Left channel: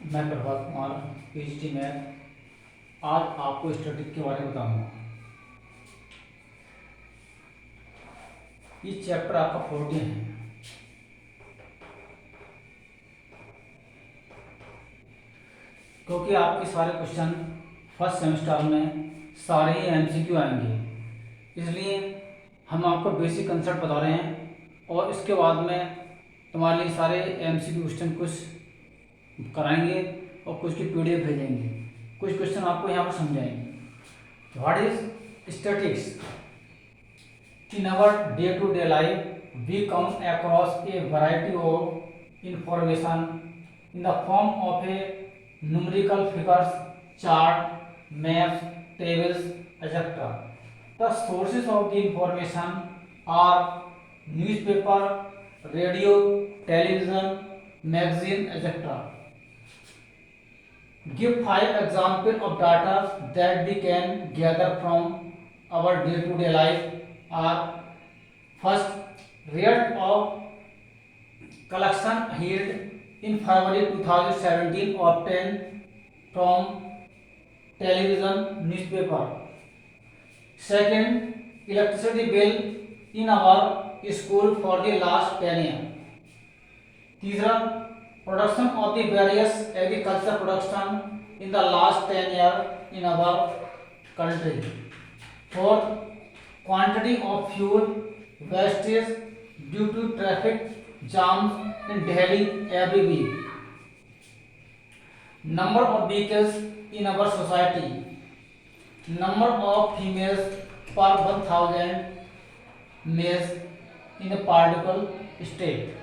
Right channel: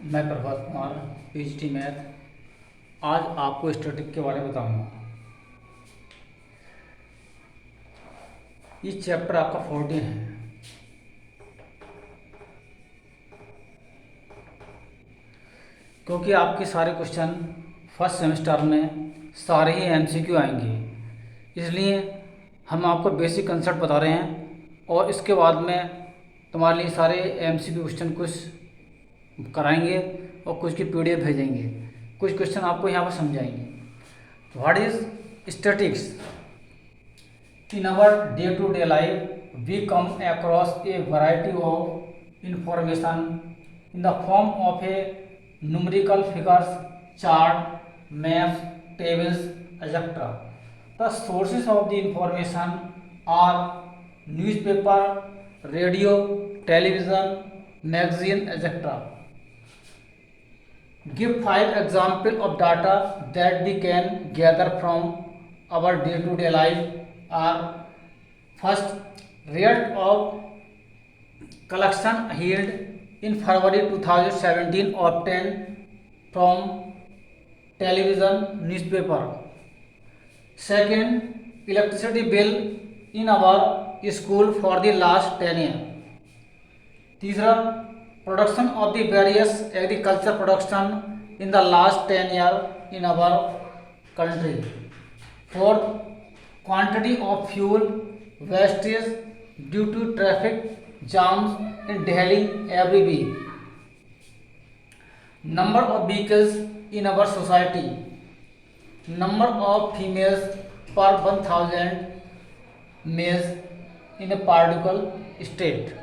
मैं Prabhat Kumar, PhD math. आज आपको स्टैटिक के बारे में बताऊंगा। ये चैप्टर आपका 14 है। क्योंकि आपके सारे क्वेश्चन फर्स्ट सेमेस्टर में सारे ही एमसीक्यू आएंगे, इसलिए हम आपको बेसिक कंसेप्ट बता रहे हैं और इसके बाद में तुम्हारे लिए सारे एमसीक्यू क्वेश्चन कुछ कराएंगे और कुछ की पीडीएफ भेजेंगे। कुछ क्वेश्चन आपको यहाँ पर समझाएंगे। What is statics? In our day-to-day life, we come across a variety of information in the form of a numerical figures, chart, maps, tables, etc. The sources of the information are newspaper, radio, television, magazine, etc. Give 5 examples of data that we can gather from our day-to-day life are: first, rate of collection held in February 2017 obtained from television newspaper. Second, electricity bill in our school for the last 10 years. तीसरा, production of the various agriculture production in the last 10 year in our country. Fourth, quantity of fuel wastage due to traffic jams in Delhi every week. Number of vehicles in our society. Number of females per 1000 males in a particular state.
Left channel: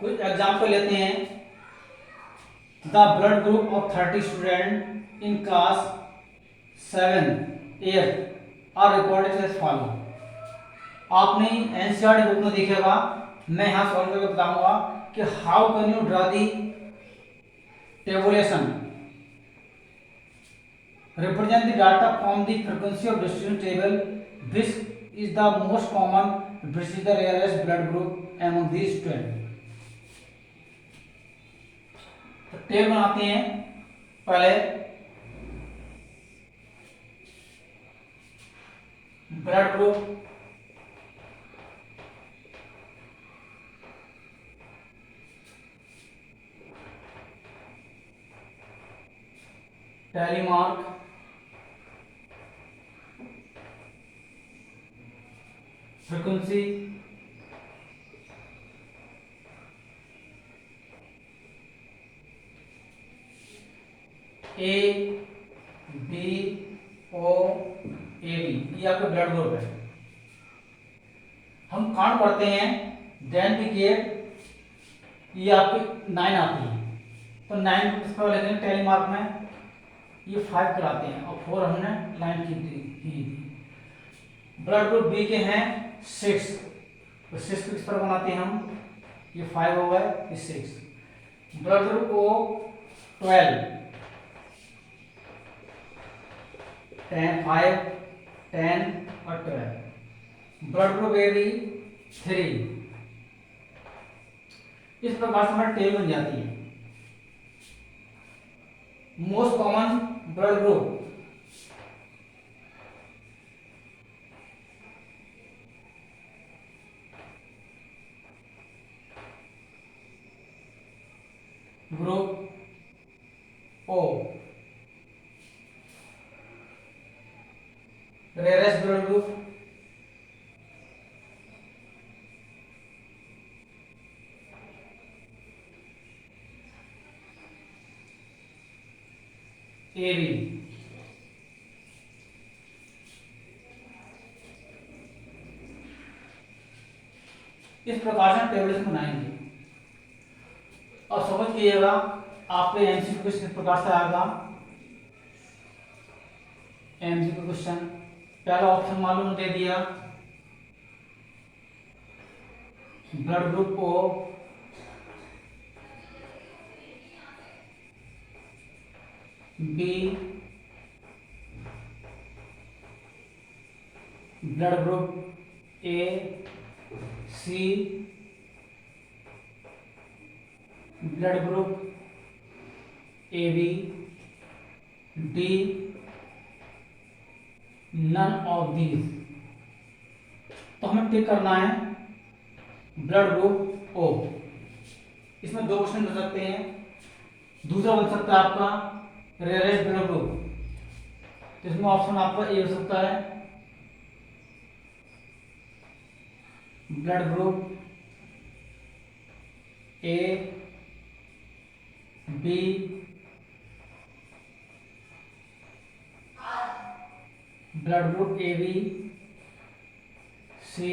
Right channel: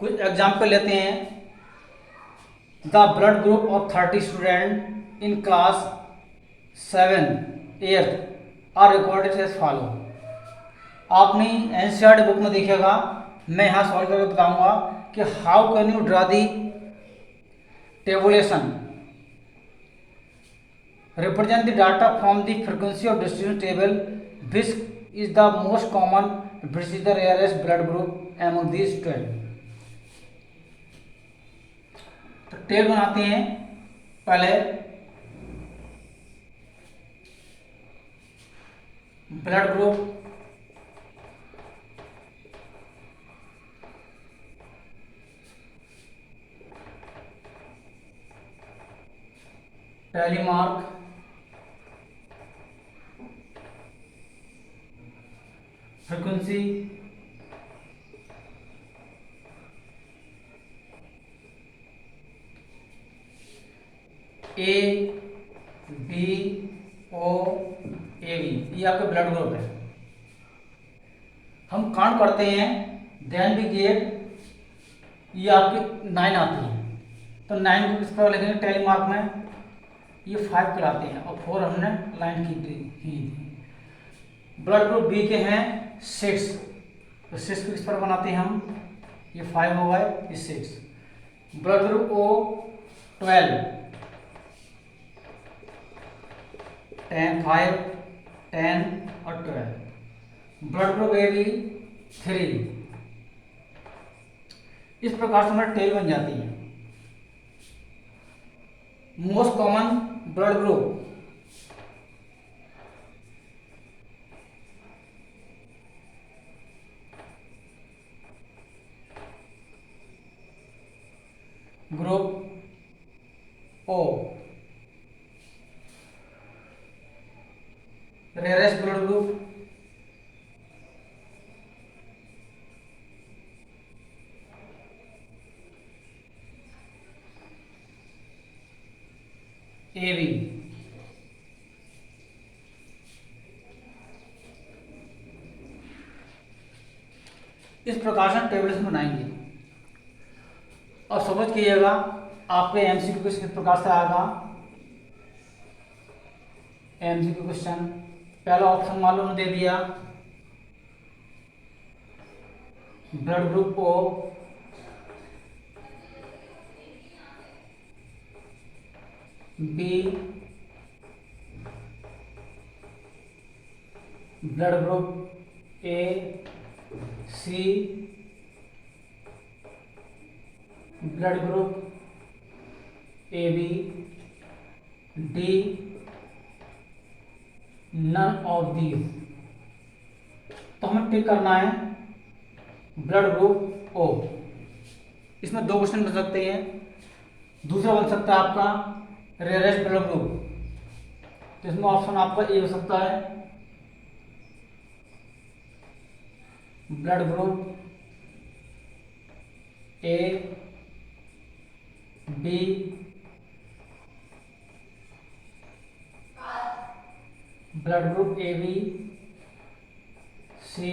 कुछ example लेते हैं. The blood group of 30 student in class 7 8 are recorded as follow. आपने NCERT book में देखेगा. मैं यहाँ solve करके बताऊंगा कि how can you draw the tabulation represent the data from the frequency of distribution table, which is the most common, which is the rarest blood group among these 12. तो table बनाते हैं. पहले blood group, tally mark, frequency, A B O A B, ये आपके blood group है. हम count करते हैं. देन वी गेट, ये आपकी 9 आती है. तो 9 को किस तरह लिखेंगे टैली मार्क में? ये 5 कराते हैं और 4 हमने लाइन की थी. ब्लड ग्रुप बी के हैं 6. तो 6 को किस तरह बनाते हैं हम? ये 5 हुआ है, ये 6. ब्लड ग्रुप ओ 12, 10 5 10 और 12. Blood group A B 3. इस प्रकार से हमारी टेबल बन जाती है. Most common blood group, group O. Rarest blood group A B. इस प्रकार से टेबल्स बनाएंगे. अब समझ कीजिएगा आपके एमसीक्यू क्वेश्चन किस प्रकार से आएगा। एमसीक्यू क्वेश्चन पहला ऑप्शन मालूम दे दिया, blood group O, B blood group A, C blood group A B, D none of these. तो हमें टिक करना है ब्लड ग्रुप ओ। इसमें दो क्वेश्चन बन सकते हैं। दूसरा बन सकता है आपका रेयरेस्ट ब्लड ग्रुप, तो इसमें ऑप्शन आपका ए हो सकता है blood group A, B blood group A B, C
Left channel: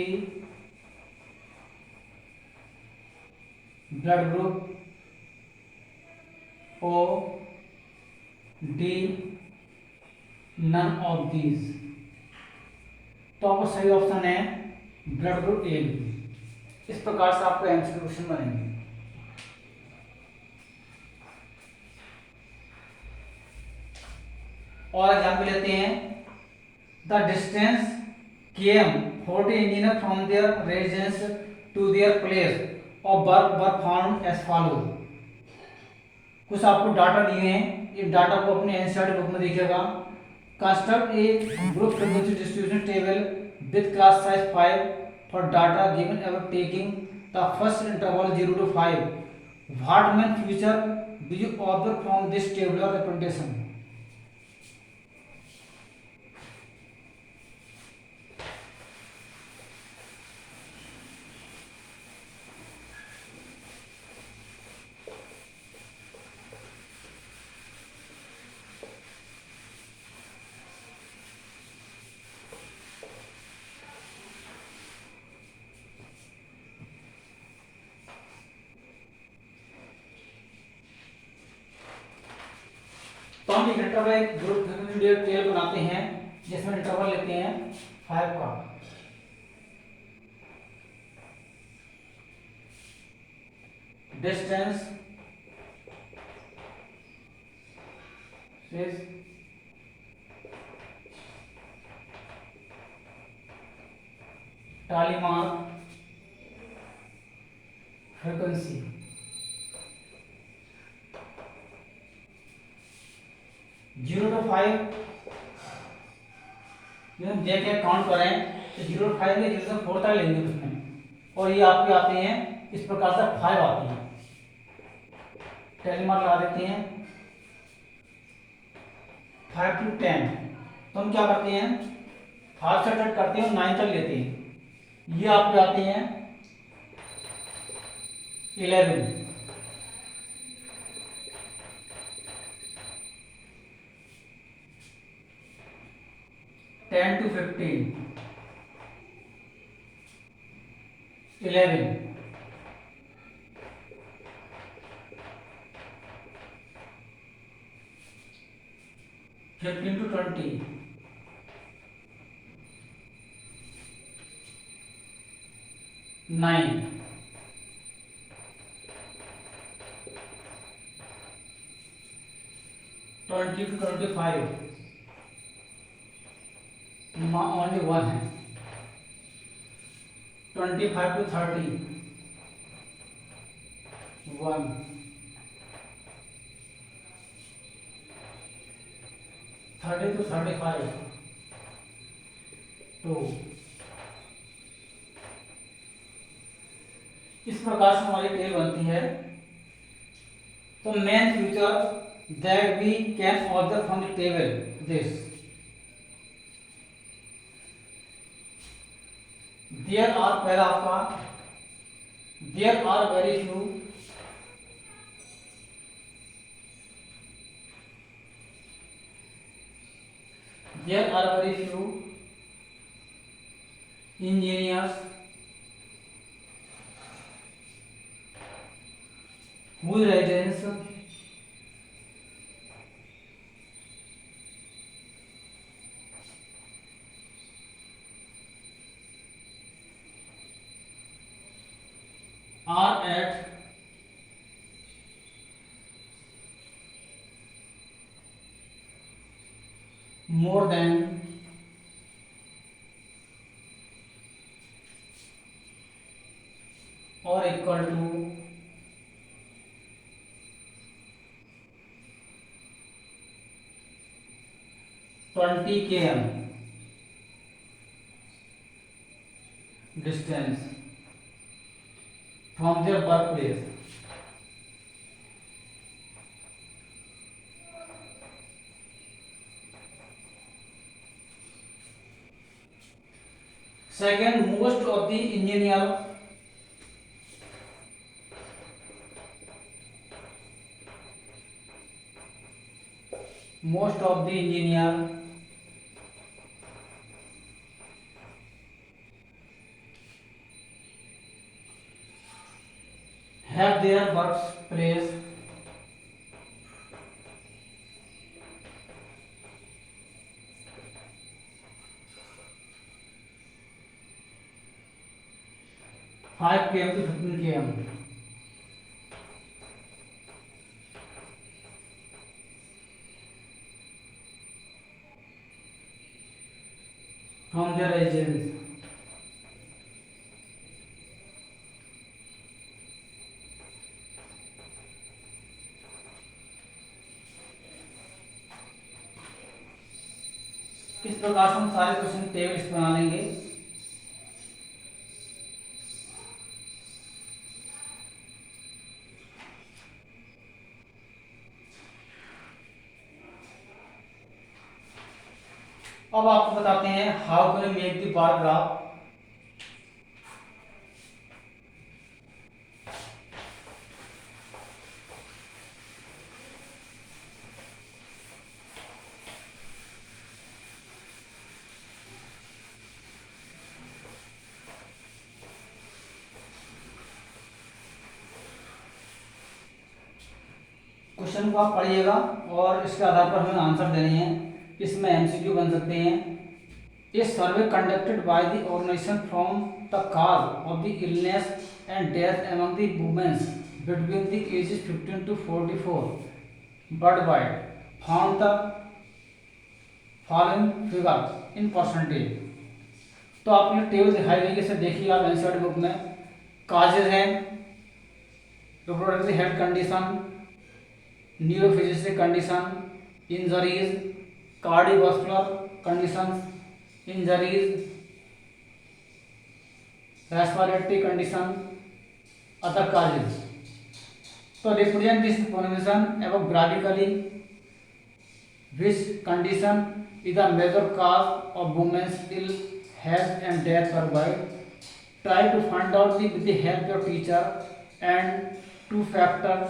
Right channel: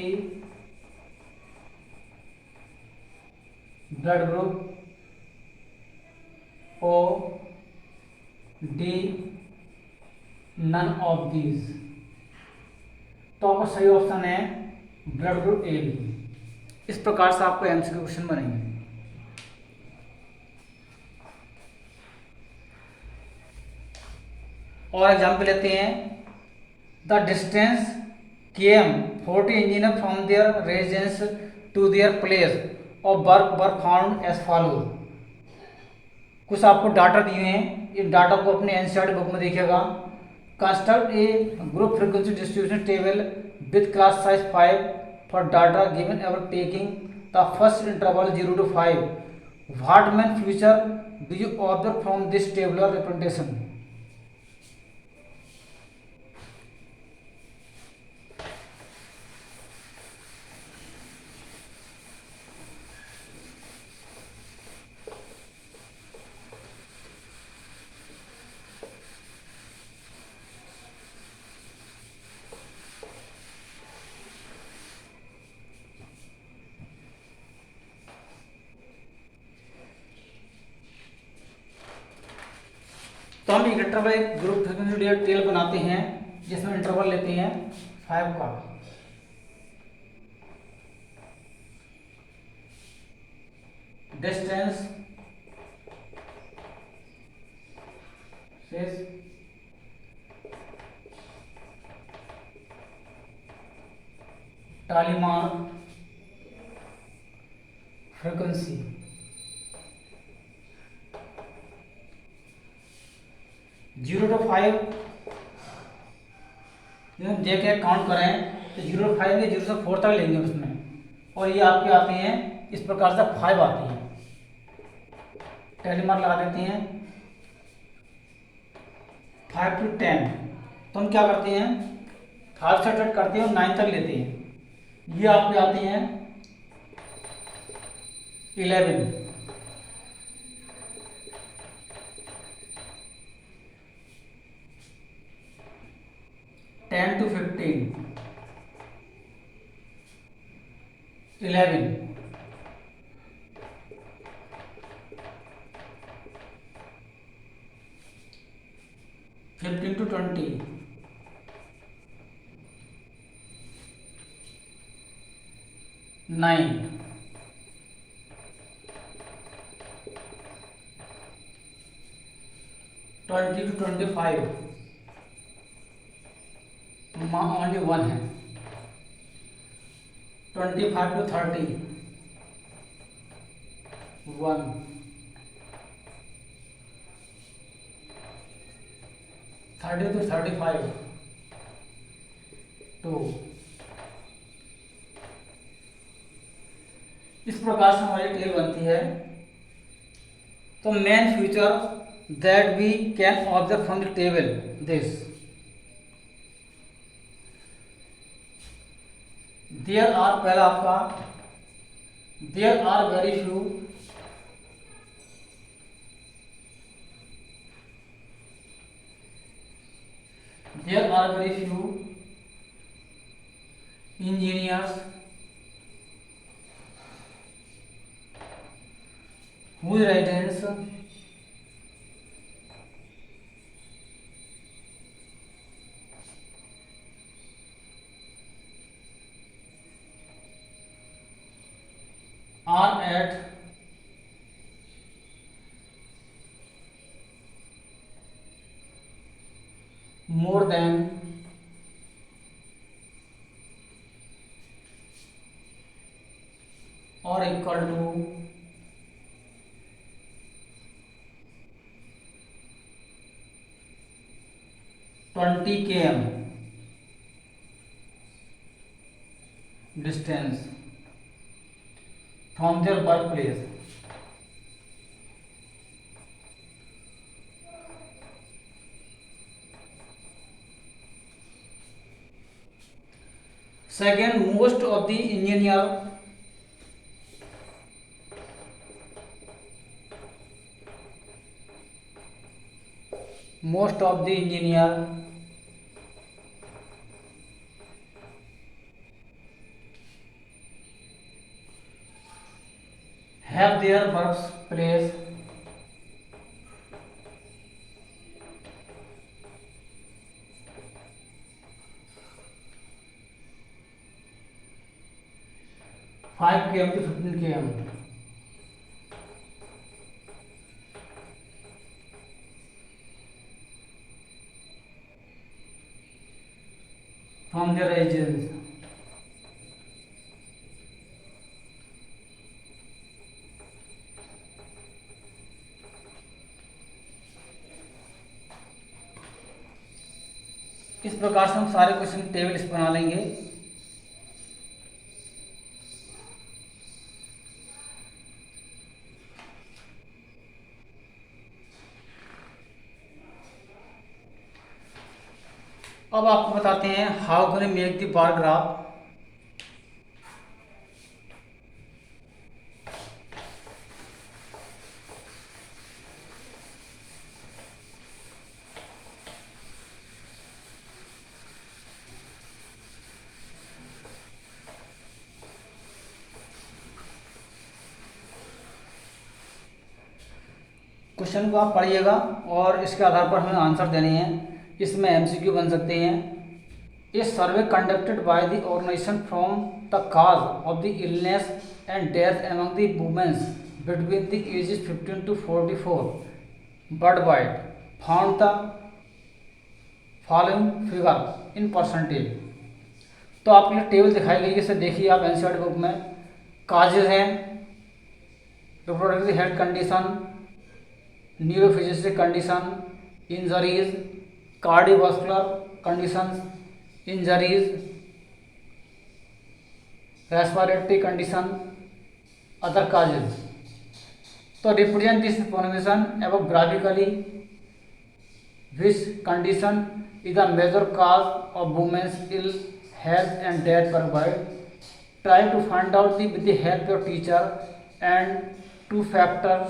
blood group O, D none of these. तो आपका सही ऑप्शन है ब्लड ग्रुप ए बी। इस प्रकार से आपको एमसीक्यू क्वेश्चन बनेंगे। और एग्जाम्पल लेते हैं, the distance KM 40 engineer from their residence to their place of work were found as follows. कुछ आपको डाटा दिए हैं, इन डाटा को अपने एनसीईआरटी बुक में देखिएगा। Construct A group frequency distribution table with class size 5 for data given ever taking the first interval 0 to 5। What main feature do you observe from this tabular representation. तो हम एक interval group frequency table बनाते हैं जिसमें interval लेते हैं 5 का। Distance टालीमार frequency. 0 to 5 देख काउंट करें तो 0 to 5 में 0 से 4 तक लेंगे उसमें, और ये आपके आते हैं इस प्रकार से 5 आते हैं। टालीमार लगा देते हैं 5 to 10। तो हम क्या करते हैं 5 से स्टार्ट करते हैं और 9 तक लेते हैं। ये आपके आते हैं 11, 10 to 15, 11, 15 to 20, 9, 20 to 25, only one है। 25 to 30, 1, 30 to 35, 2। इस प्रकार से हमारी टेल बनती है। तो main feature that we can observe from the table this, there are, पहला आपका there are very few engineers whose residence are at more than or equal to 20 km distance from their birthplace. Second, most of the engineer have their birthplace five km to 15 km from their residence. इस प्रकार से हम सारे question table इस बना लेंगे। अब आपको बताते हैं how can we make the bar graph. Question को आप पढ़िएगा और इसके आधार पर हमें आंसर देने हैं। इसमें एमसीक्यू बन सकते हैं। A survey conducted by the organisation from the cause of the illness and death among the womens between the ages 15 to 44 world wide found the following figure in percentage. तो आपको ये table दिखाई गई, इसे देखिए आप एनसीईआरटी बुक में। Causes हैं reproductive health condition, neurophysiologic condition, injuries, cardiovascular conditions, injuries, respiratory condition, other causes. तो represent this information above graphically which condition is a major cause of women's ill health and death worldwide. Try to find out with the help of teacher and two factors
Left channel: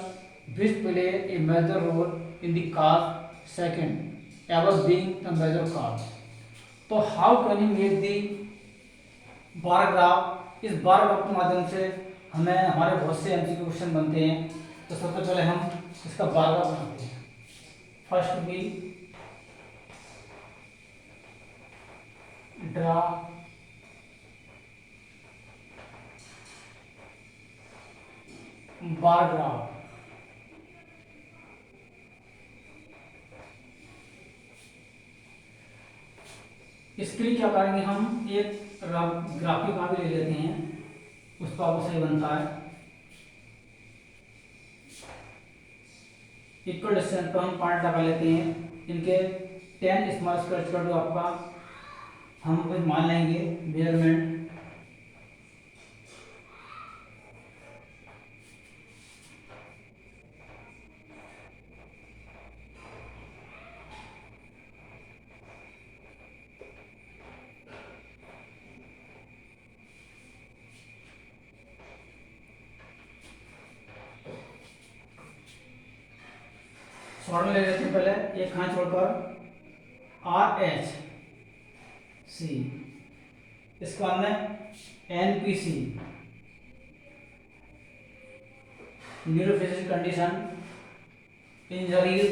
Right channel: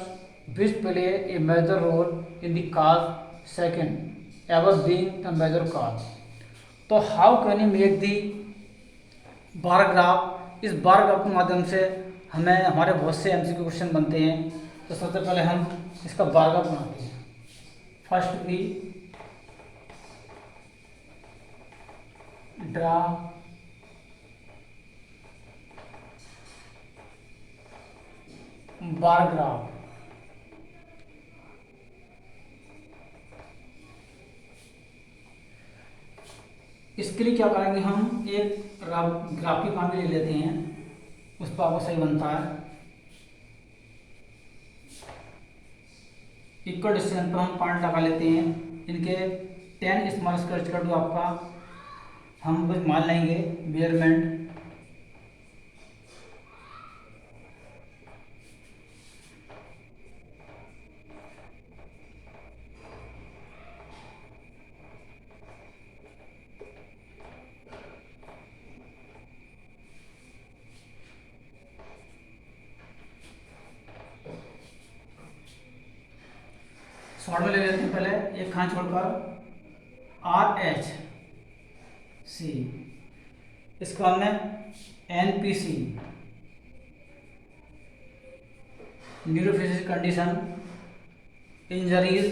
which play a major role in the cause, second above being the major cause. तो how can you make the bar graph. इस bar graph के माध्यम से हमें हमारे बहुत से MCQ question बनते हैं। तो सबसे पहले हम इसका बार ग्राफ बनाते हैं। First be draw bar graph. इसके लिए क्या करेंगे, हम एक ग्राफिक कॉपी ले लेते हैं, उस पर वो सही बनता है। इक्वल डिस्टेंस पर हम पॉइंट लगा लेते हैं। इनके 10 स्मॉल स्क्वायर कर दो आपका, हम कुछ मान लेंगे मेजरमेंट। शॉर्ट में ले लेते हैं पहले एक खान छोड़कर RH C, इसके बाद में NPC, neurophysical condition, injuries,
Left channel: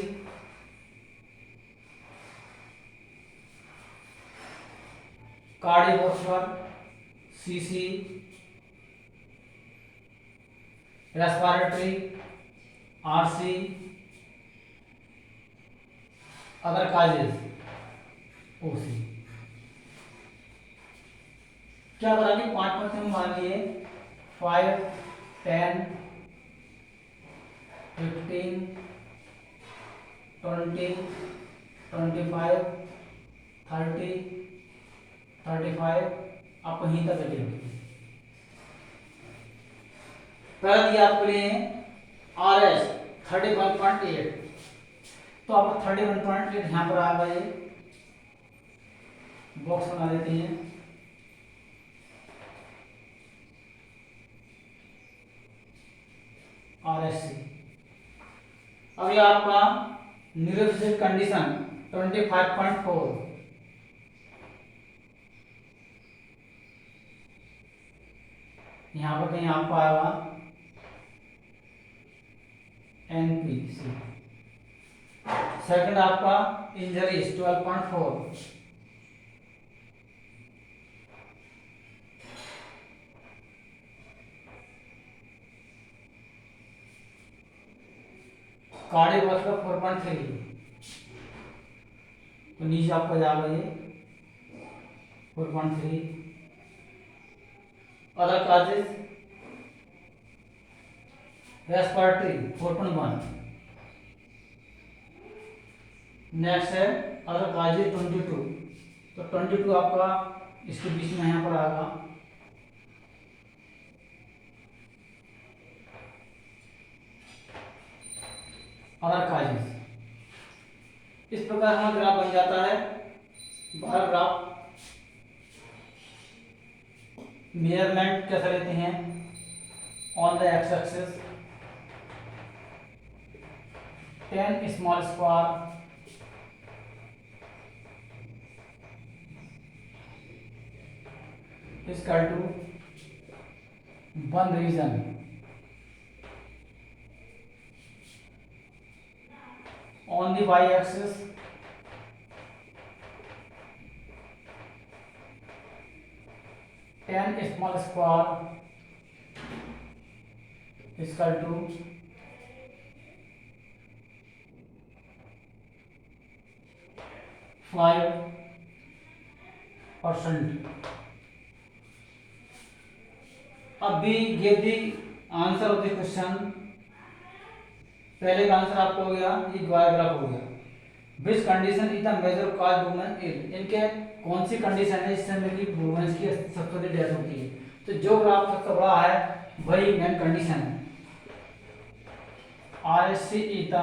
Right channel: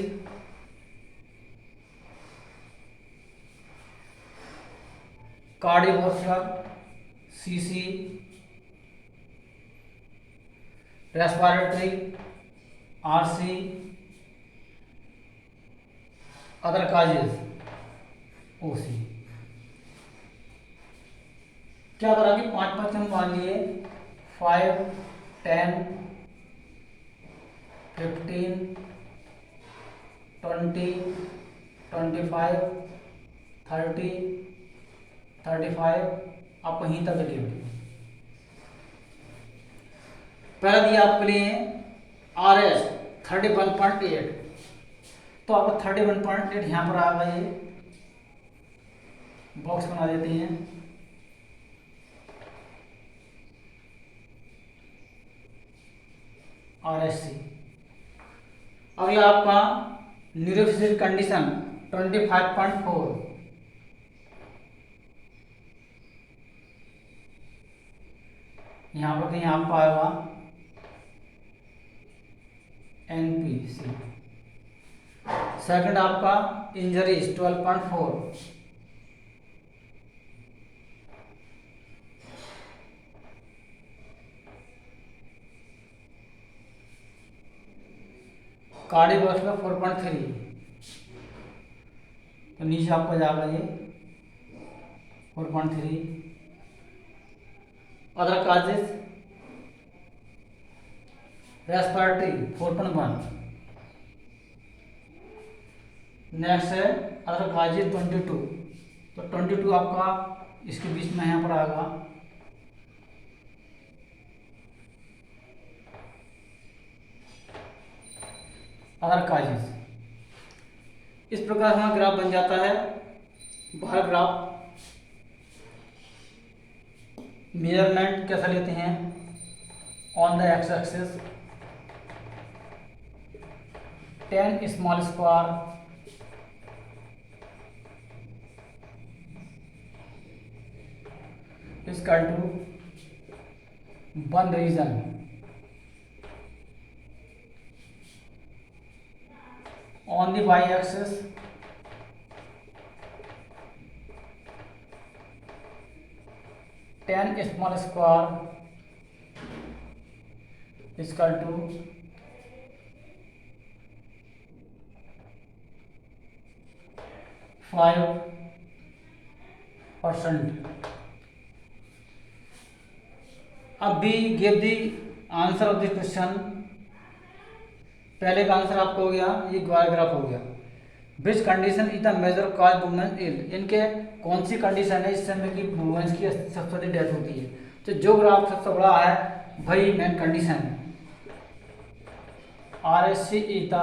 cardiovascular, CC, respiratory, RC, other causes, OC. क्या बता कि 5% मान लिए 5, 10, 15, 20, 25, 30, 35, आप वहीं तक ले लो। पहला दिया आपके लिए आर एस 31.8, तो आप 31.8 यहाँ पर आ गए, बॉक्स बना देते हैं। R S C. अगला आपका न्यूरोफिजिकल कंडीशन 25.4, यहाँ पर कहीं आपको आएगा एनपीसी। सेकंड आपका इंजरीज 12.4, कार्डियोवास्कुलर 4.3, तो नीचे आपका जाएगा ये 4.3। Other causes respiratory 4.1। नेक्स्ट है अदर काजेज 22, तो 22 आपका इसके बीच में यहाँ पर आएगा। Other causes. इस प्रकार हमारा ग्राफ बन जाता है। बार ग्राफ मेजरमेंट कैसा लेते हैं on the x axis 10 small square is equal to 1 region on the y axis 10 small square is equal to 5%. अब भी give the answer of the question. पहले का आंसर आपको हो गया, ये ग्राफ हो गया। Which condition is the major cause women ill, इनके कौन सी कंडीशन है इस समय की वुमेन्स की सबसे बड़ी डेथ होती है। तो जो ग्राफ सबसे बड़ा है वही मेन कंडीशन है। R S C is the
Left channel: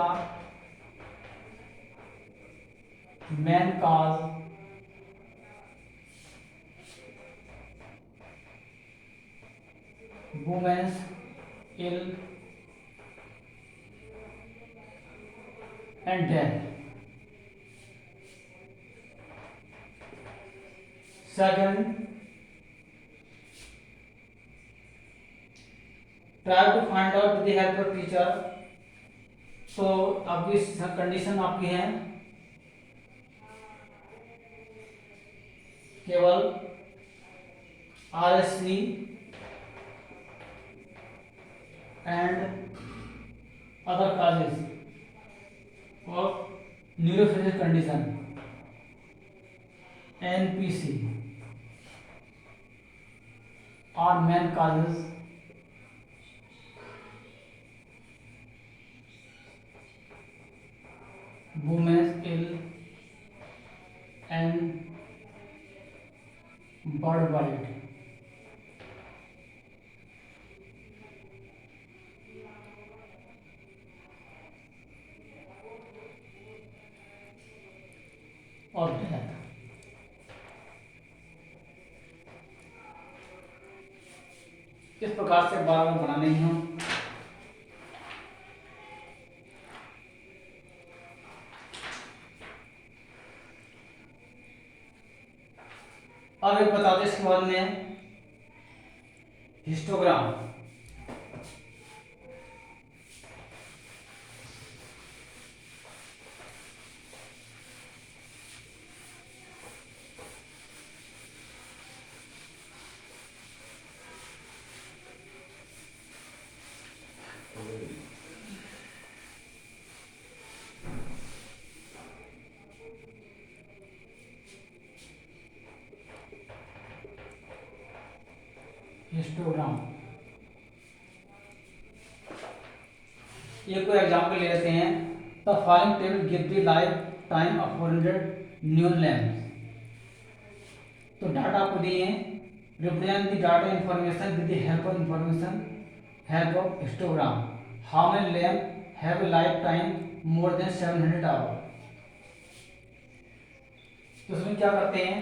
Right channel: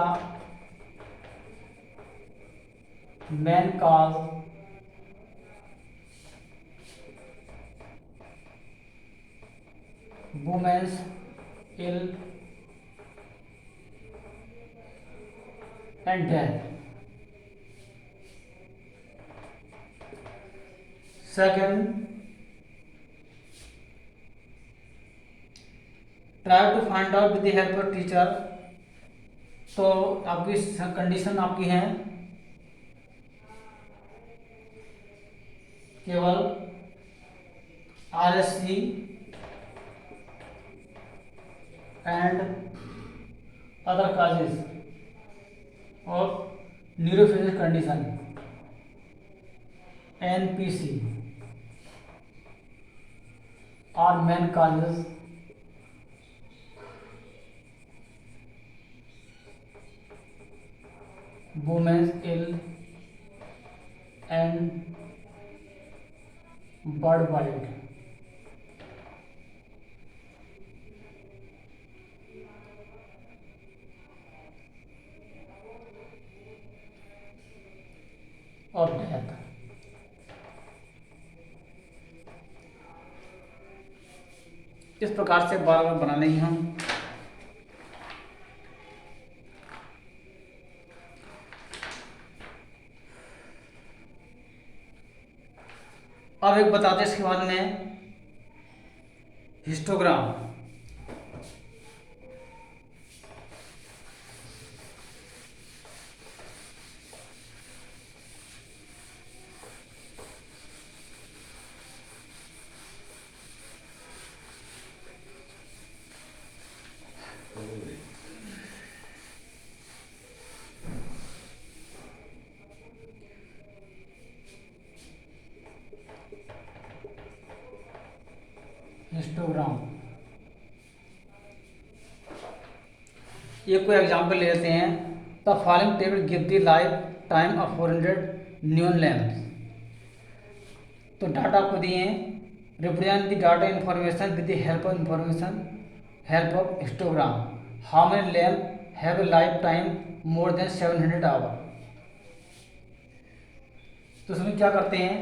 main cause women's ill and death. Second, try to find out with the help of teacher. तो आपकी कंडीशन आपकी है केवल R S C and other causes और neurophysical condition NPC are main causes womens ill and world wide. और death. इस प्रकार से बार बार बनाने ही हम अब एक बताते इसके बाद में हिस्टोग्राम। हिस्टोग्राम। एक कोई एग्जाम्पल ले लेते हैं। The following table give the life time of 400 neon lamp. तो डाटा आपको दिए हैं, represent the data information with the help of histogram. How many lamp have a life time more than 700 hour. तो इसमें क्या करते हैं,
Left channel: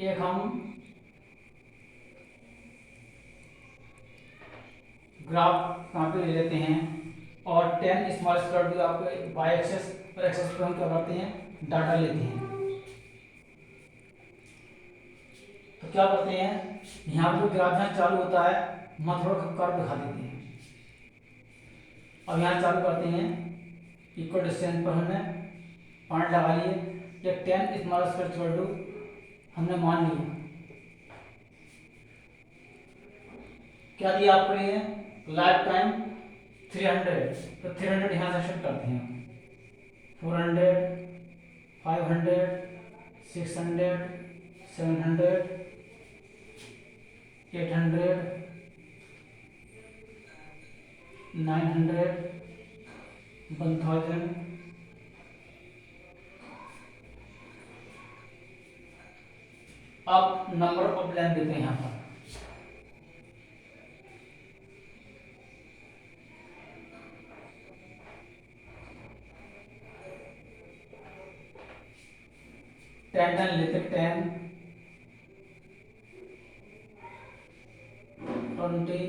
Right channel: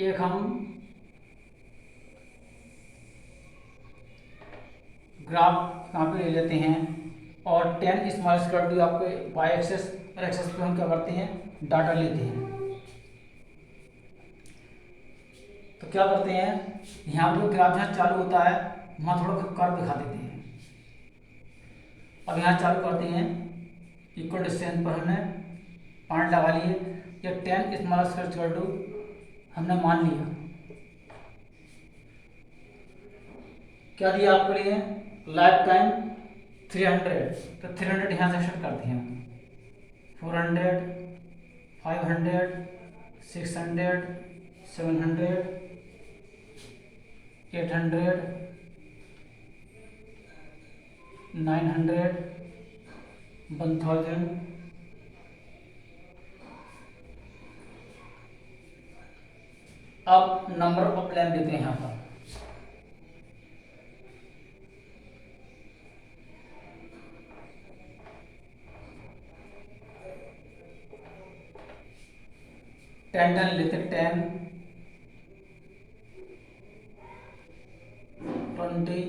एक हम ग्राफ यहाँ पे ले लेते हैं और 10 स्मॉल स्क्वायर भी आपके वाई एक्सेस और एक्सेस पे हम क्या करते हैं, डाटा लेते हैं। तो क्या करते हैं, यहाँ पर ग्राफ जहाँ चालू होता है वहाँ थोड़ा सा कर्व दिखा देते हैं। अब यहाँ चालू करते हैं, इक्वल डिस्टेंस पर हमने पॉइंट लगा लिए। या 10 स्मॉल स्क्वायर टू हमने मान लिया। क्या दिया आपके लिए, लाइफ टाइम 300। तो 300 यहाँ से सेट करते हैं। 400, 500, 600, 700, 800, 900, 1000। अब नंबर ऑफ लैम्प देते हैं यहाँ पर। टेन लेते, 10, 20,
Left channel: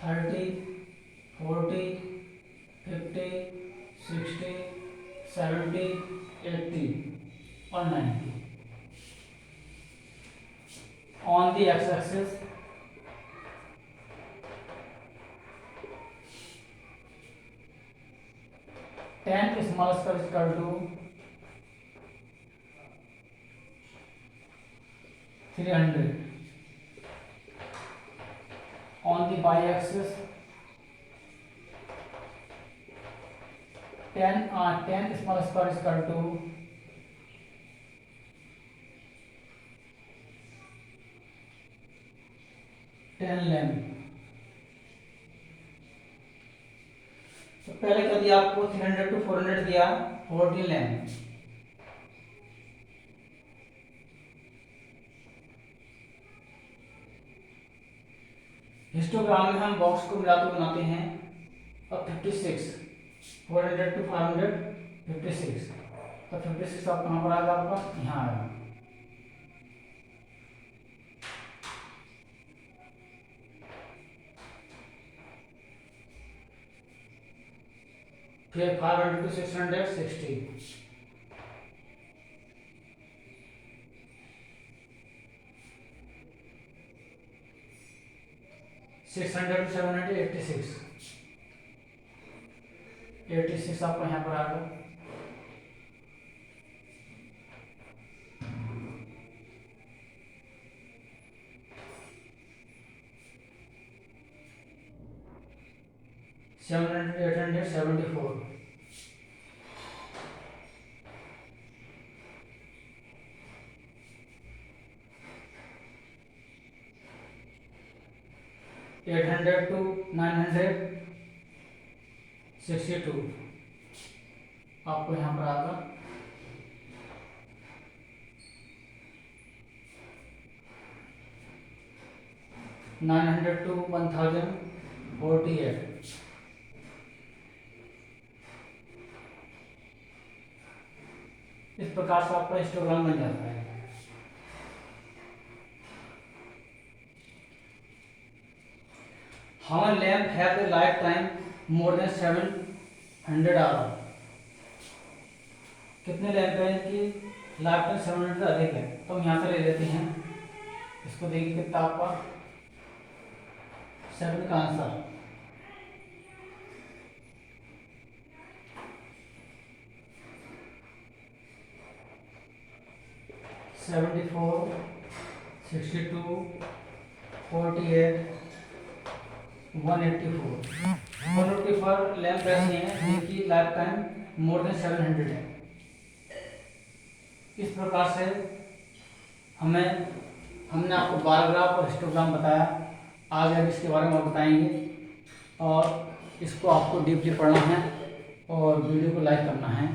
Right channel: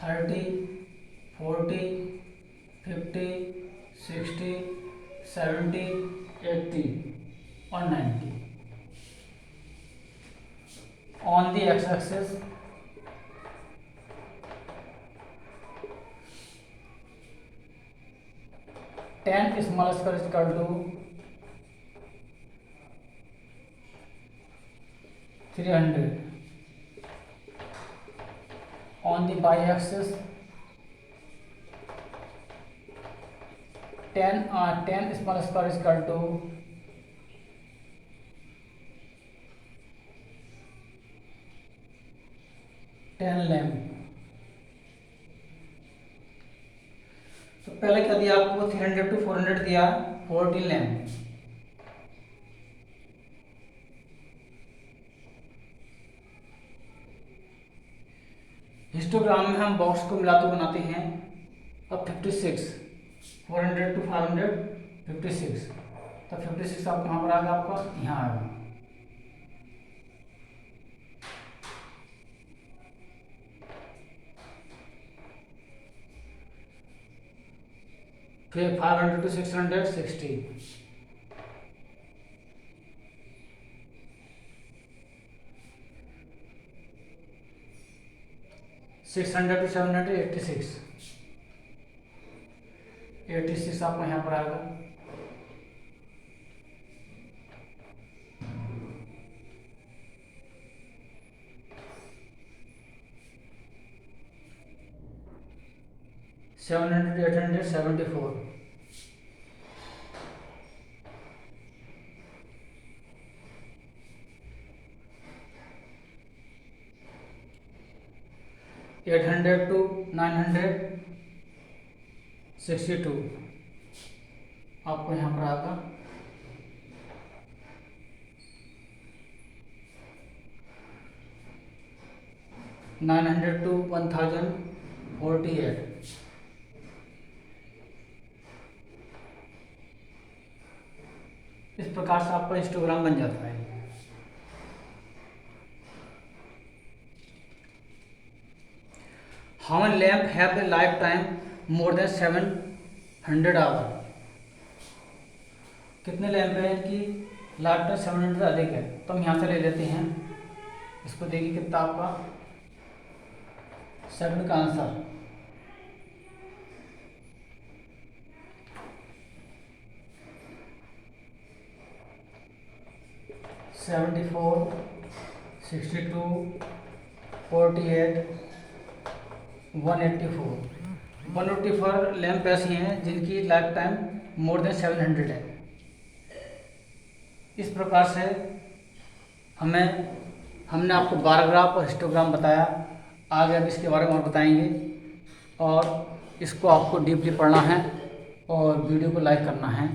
30, 40, 50, 60, 70, 80 और 90। On the x-axis, tan small square is equal to 300. On the y-axis, tan small square is equal to 10 lamp. तो पहले क्या दिया आपको, 300 to 400 दिया, 14 लैम्प। हिस्टोग्राम में हम बॉक्स को मिला के बनाते हैं। अब 56, 400 to 500, 56। तो 56 आप कहाँ पर आएगा, आपका यहाँ आएगा। फिर 500 to 600, 60। 600 to 700, 86। 86 आपको यहाँ पर आएगा। Seven hundred, 800, 74। Eight hundred to 900, 62 आपको यहाँ पर आएगा। Nine hundred to 1000, 48। इस प्रकार से आपका हिस्टोग्राम बन जाता है। How many lamp have the life time more than 700 hour. कितने लैम्प हैं इनकी लाइफ टाइम 700 से अधिक है। तो हम यहाँ से ले लेते हैं, इसको देखिए कितना आपका सेवन का आंसर। सेवेंटी 62, 48, 184। 1 लैम्प ऐसी हैं जिनकी लाइफ टाइम मोर देन 700 है। इस प्रकार से हमने आपको बार ग्राफ और हिस्टोग्राम बताया। आगे अब इसके बारे में और बताएंगे, और इसको आपको डीपली पढ़ना है और वीडियो को लाइक करना है।